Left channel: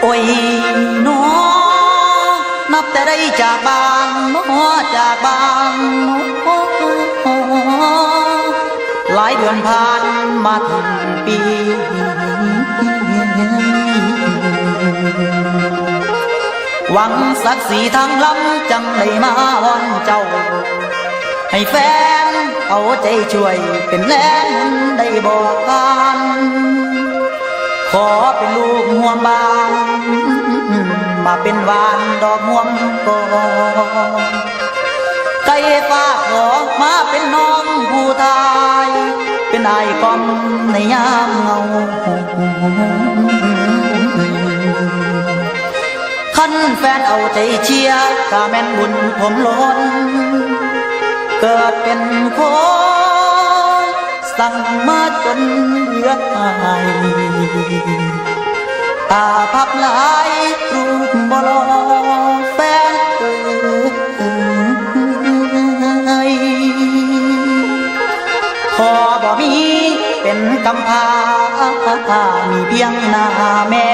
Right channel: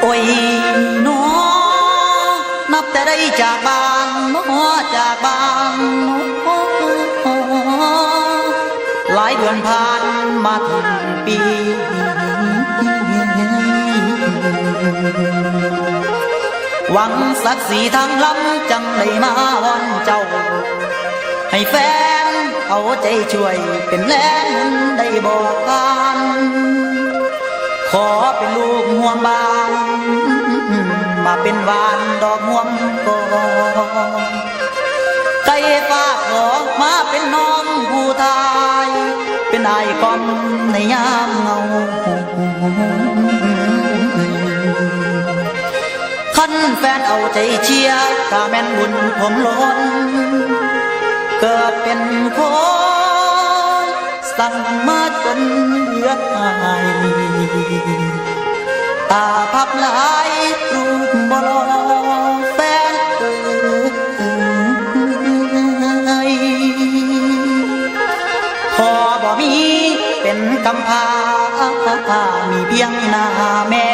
โอ้ยน้อนับแต่ได้จากบ้างน้อจากบ้างน้อหลายเดือนผ่านมาถึงปีหวังสักดิ์ศรีทางลับจังเลยมาวอนเจ้า ให้แฟนเอาใจช่วยเป็นแรงได้บอกกันขอเป็น เป็นวานดอกม่วงกอนไก่ฝากออกมาเป็นน้องผู้ตาย เป็นไอ้กอมในยามเงาคันแฟนเอาใจเชียร์กาแม่นบุญผมล้น เกิดเป็นคนสั่งมาจนเลือดหายตาพับหลาย บ่รอแฟนเอ่ยพอบ่มีเป็นกำพามีเพียงหน้าแม่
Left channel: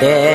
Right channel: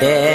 ไ